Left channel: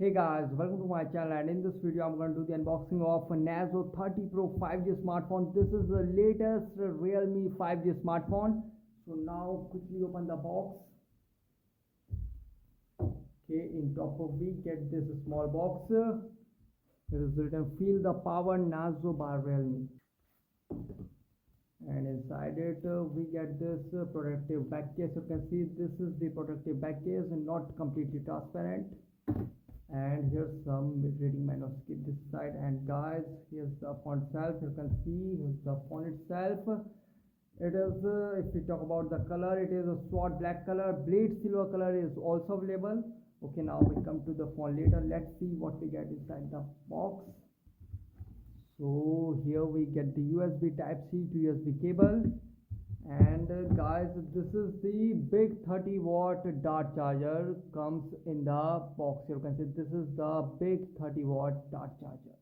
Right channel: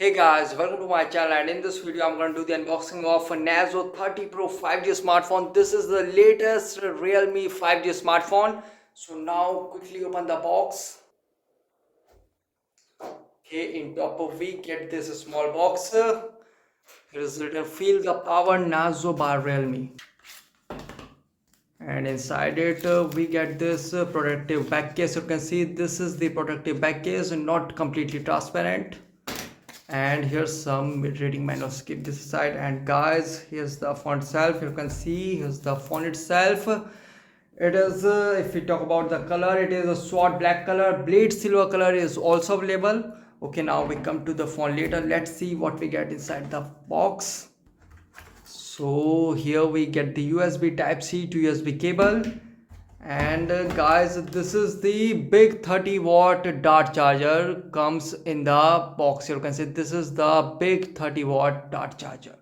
Hey guys, welcome to my channel, and in this video I'm going to do the unboxing of a Narzo 30 Pro 5G smartphone. This is the latest Realme 5G smartphone. So now quickly open the box. Okay, in top of we get this small box. Here is written feel the power Narzo by Realme. And inside it we get this protective back case. You can see this is the protective back case, not completely transparent. And here's some reading manual. Skip this aside, and guys, here's the font itself. You can see here's the font itself. It is if we talk about the color, it is a sword black color. Blade silver color is also available. Okay, now we come to the font later. Let's see what we get inside the box. So here we get the USB type C to USB cable. And guys, this is the big 30-watt dart charger comes in the box. You can see this is the big 30-watt dart charger.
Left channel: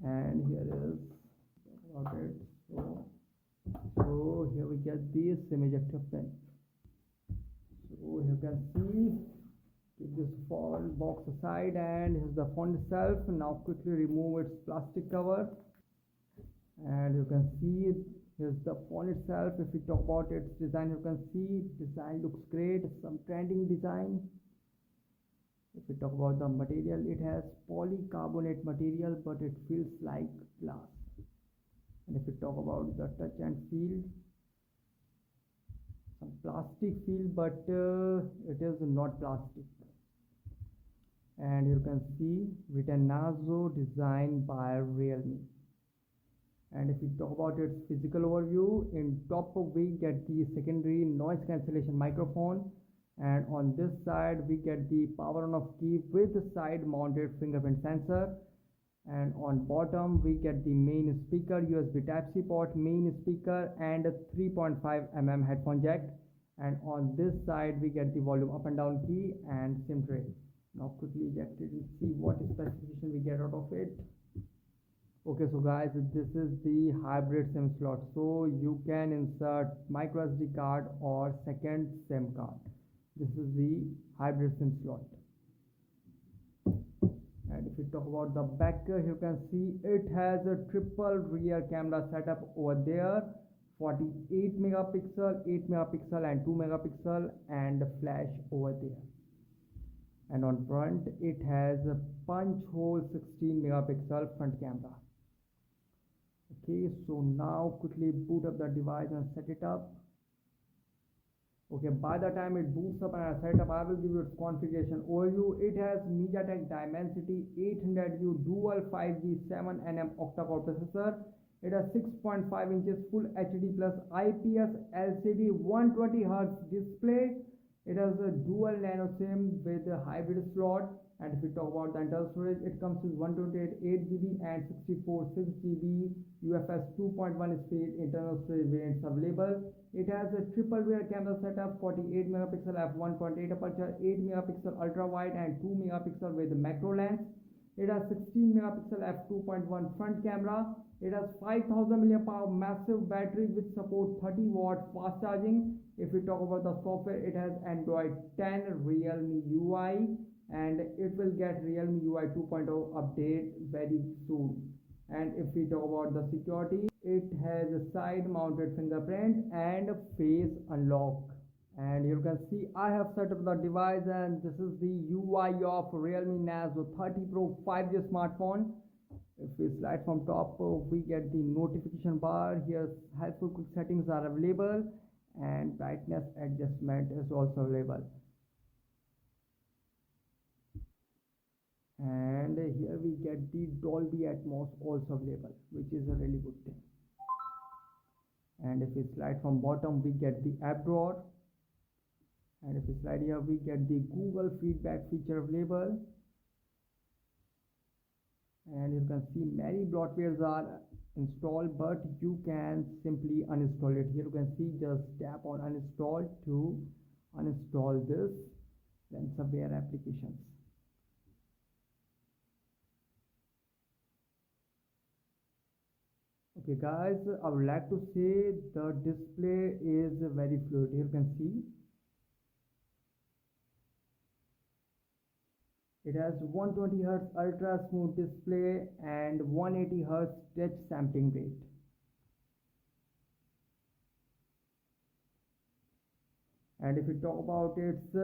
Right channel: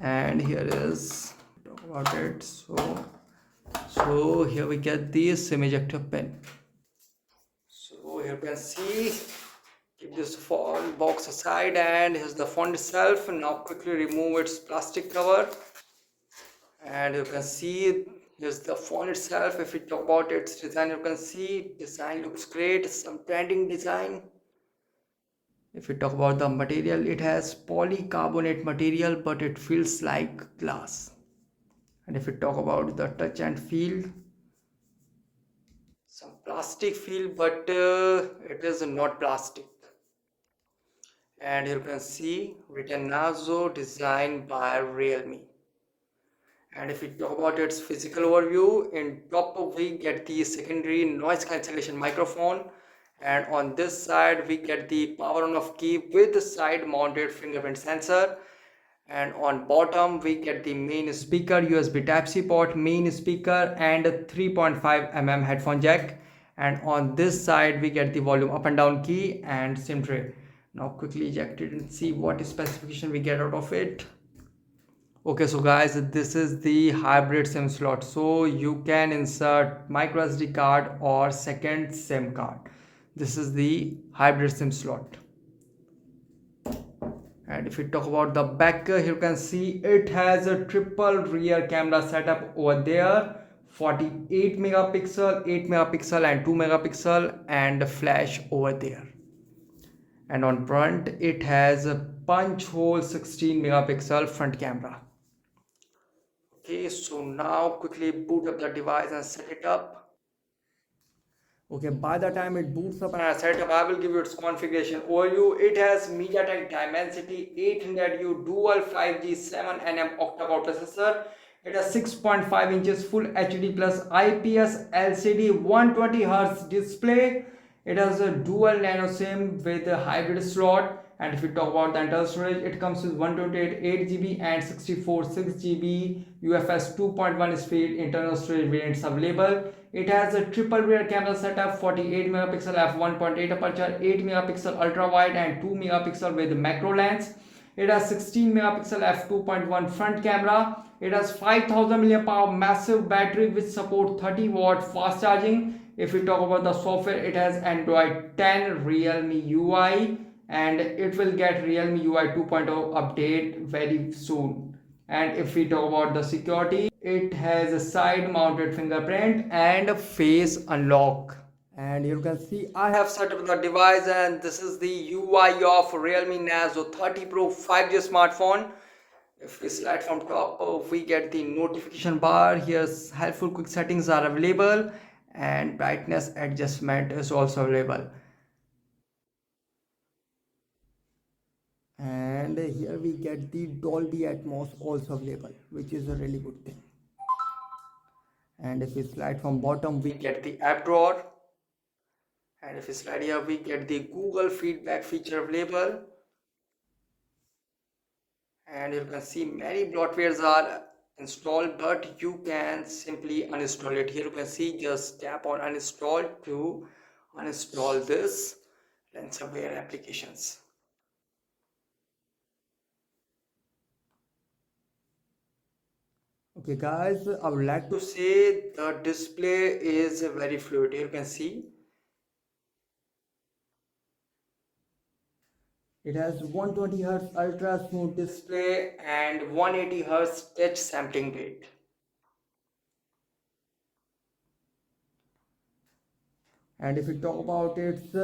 And here is talk about it. So here we get the SIM ejector pin. So here you can see, keep this phone box aside, and here's the phone itself. Now quickly remove its plastic cover. And you can see here's the phone itself. If we talk about its design, you can see design looks great, some trending design. If we talk about the material, it has polycarbonate material, but it feels like glass. And if we talk about the touch and feel, some plastic feel, but it is not plastic. And you can see written Narzo, designed by Realme. And if we talk about its physical overview, in top we get the secondary noise cancellation microphone, and on this side we get the power on off key with the side mounted fingerprint sensor, and on bottom we get the main speaker, USB type C port, main speaker, and a 3.5 mm headphone jack. And on this side we get the volume up and down key and SIM tray. Now quickly eject it and see what specification we get out of it. Okay, so guys, this is the hybrid SIM slot. So you can insert micro SD card or second SIM card. This is the hybrid SIM slot. And if we talk about the back, here you can see it has a triple rear camera setup over there. 48 megapixel, 8 megapixel and 2 megapixel, and flash over there. And on front it has a punch hole 16 megapixel front camera. Okay, so now quickly boot up the device and set it up. Okay, by the time it boots up and I set it up, I will give you its configuration overview. It has MediaTek Dimensity 800U dual 5G 7nm octa-core processor. It has 6.5 inches full HD plus IPS LCD 120Hz display. It has a dual nano SIM with a hybrid slot. And if we talk about the internal storage, it comes with 128 8GB and 64 6GB UFS 2.1 speed internal storage variants available. It has a triple rear camera setup, 48 megapixel f1.8 aperture, 8 megapixel ultra wide and 2 megapixel with macro lens. It has 16 megapixel f2.1 front camera. It has 5000 mAh massive battery which support 30-watt fast charging. If we talk about the software, it has Android 10 Realme UI, and it will get Realme UI 2.0 update very soon. And if we talk about the security, it has a side mounted fingerprint and face unlock. And you can see I have set up the device, and this is the UI of Realme Narzo 30 Pro 5G smartphone. If we slide from top, we get the notification bar. Here's helpful quick settings are available, and brightness adjustment is also available. And here we get the Dolby Atmos also available, which is a really good thing. And if we slide from bottom, we get the app drawer. And if we slide here, we get the Google feedback feature available. And you can see many bloatwares are installed, but you can simply uninstall it. Here you can see, just tap on uninstall to uninstall this ransomware applications. Okay guys, I would like to say the display is very fluid. Here you can see It has 120 Hz ultra smooth display and 180 Hz touch sampling rate. And if we talk about its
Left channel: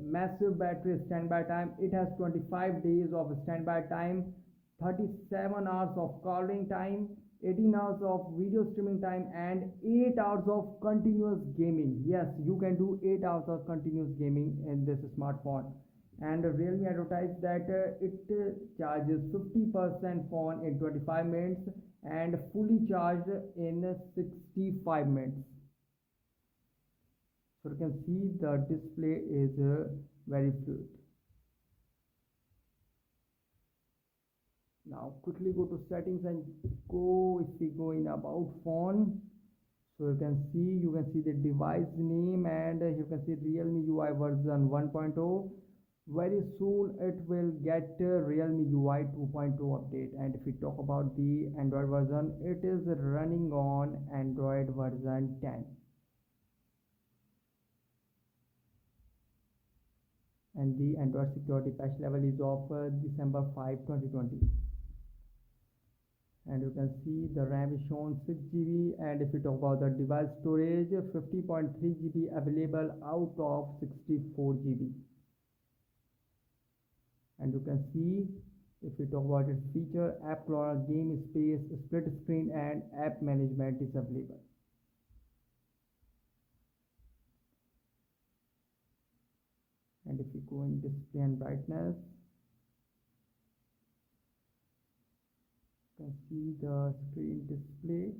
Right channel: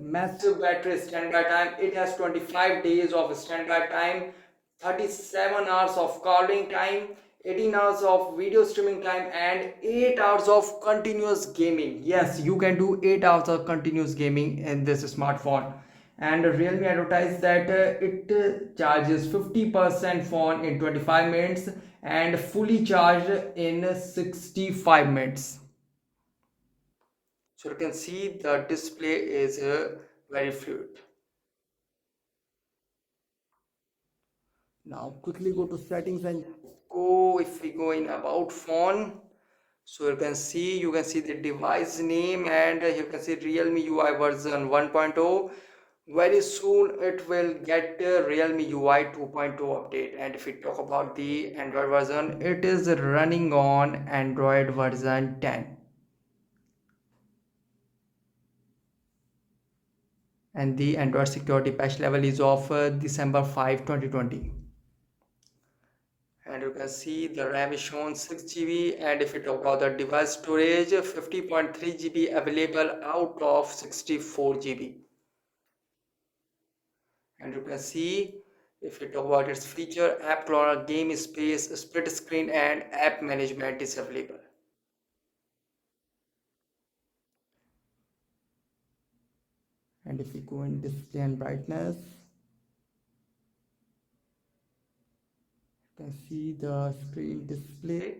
massive battery standby time, it has 25 days of standby time, 37 hours of calling time, 18 hours of video streaming time, and 8 hours of continuous gaming. Yes, you can do 8 hours of continuous gaming in this smartphone. And Realme advertised that it charges 50% phone in 25 minutes and fully charged in 65 minutes. So you can see the display is very fluid. Now quickly go to settings and go, if we go in about phone, so you can see the device name, and you can see Realme UI version 1.0. Very soon it will get Realme UI 2.0 update. And if we talk about the Android version, it is running on Android version 10. And the Android security patch level is of December 5, 2020. And you can see the RAM is shown 6 GB, and if you talk about the device storage, 50.3 GB available out of 64 GB. And you can see, if you talk about its feature, app cloner, game space, split screen, and app management is available. And if we go in display and brightness, you can see the screen display,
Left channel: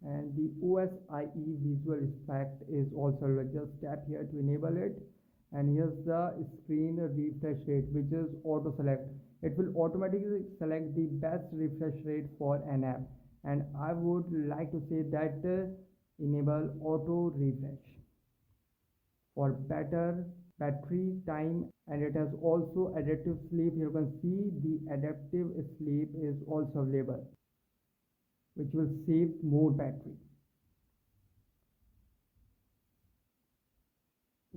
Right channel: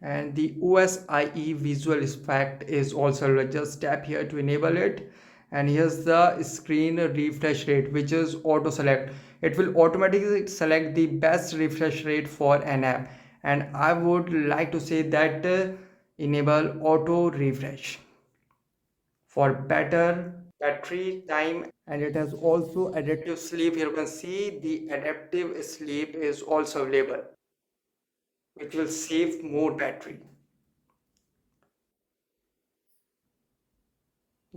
and the OSIE visual effect is also, just tap here to enable it. And here's the screen refresh rate, which is auto select. It will automatically select the best refresh rate for an app, and I would like to say that enable auto refresh for better battery time. And it has also adaptive sleep. Here you can see the adaptive sleep is also available, which will save more battery.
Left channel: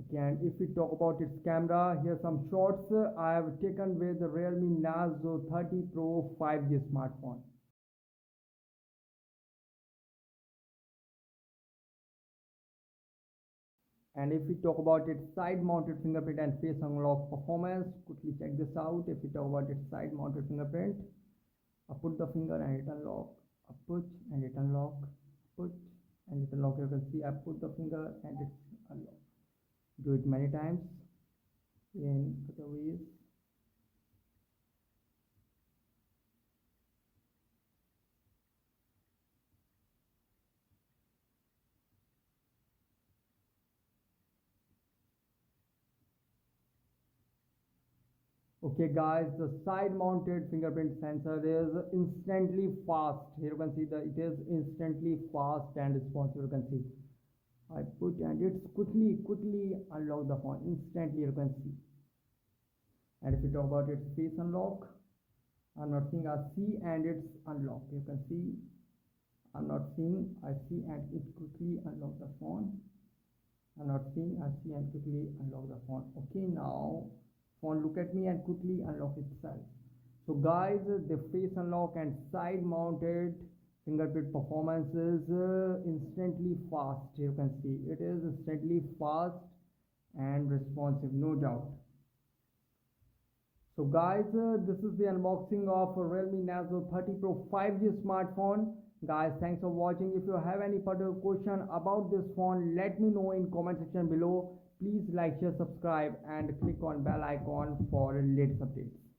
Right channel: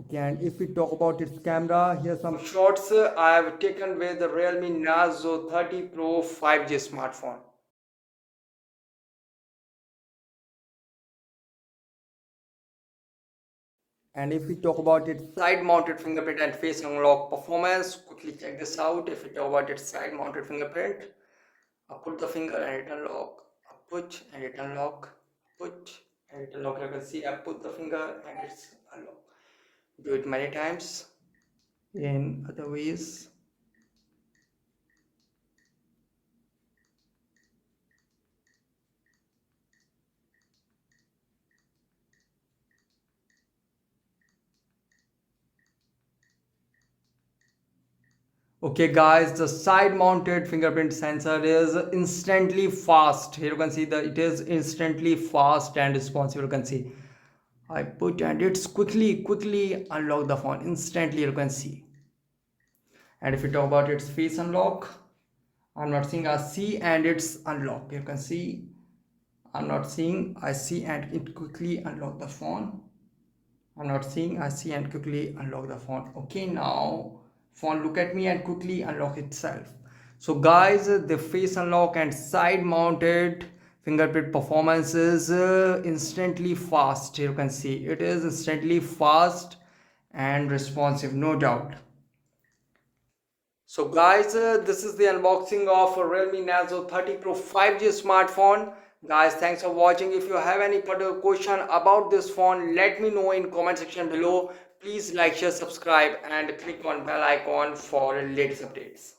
Okay, and if we talk about its camera, here's some shots I have taken with the Realme Narzo 30 Pro 5G smartphone. And if we talk about its side mounted fingerprint and face unlock performance, quickly check this out. If we talk about its side mounted fingerprint, I put the finger and it unlock, I push and it unlock, push and it unlock. You can see I put the finger and it's unlock. Do it many times. In other ways, okay guys, the side mounted fingerprint sensor is instantly fast. Here you can see that it is instantly fast and responsive. You can see I put and it's quickly unlock the phone instantly, you can see. And if you talk about its face unlock, I'm not seeing, I see and it's unlocked. You can see I'm not seeing, I see and it quickly unlock the phone. I'm not seeing, I see and quickly unlock the phone. Okay, now phone look at me and quickly unlock itself. So guys, the face unlock and side mounted fingerprint performance is instantly fast. You can see it is instantly fast and responsive, no doubt. So guys, this is the unboxing of a Realme Narzo 30 Pro 5G smartphone. Guys, thanks for watching. If you have any particular question about this phone, let me know in comment section below. Please like, share, subscribe and click on bell icon for latest updates.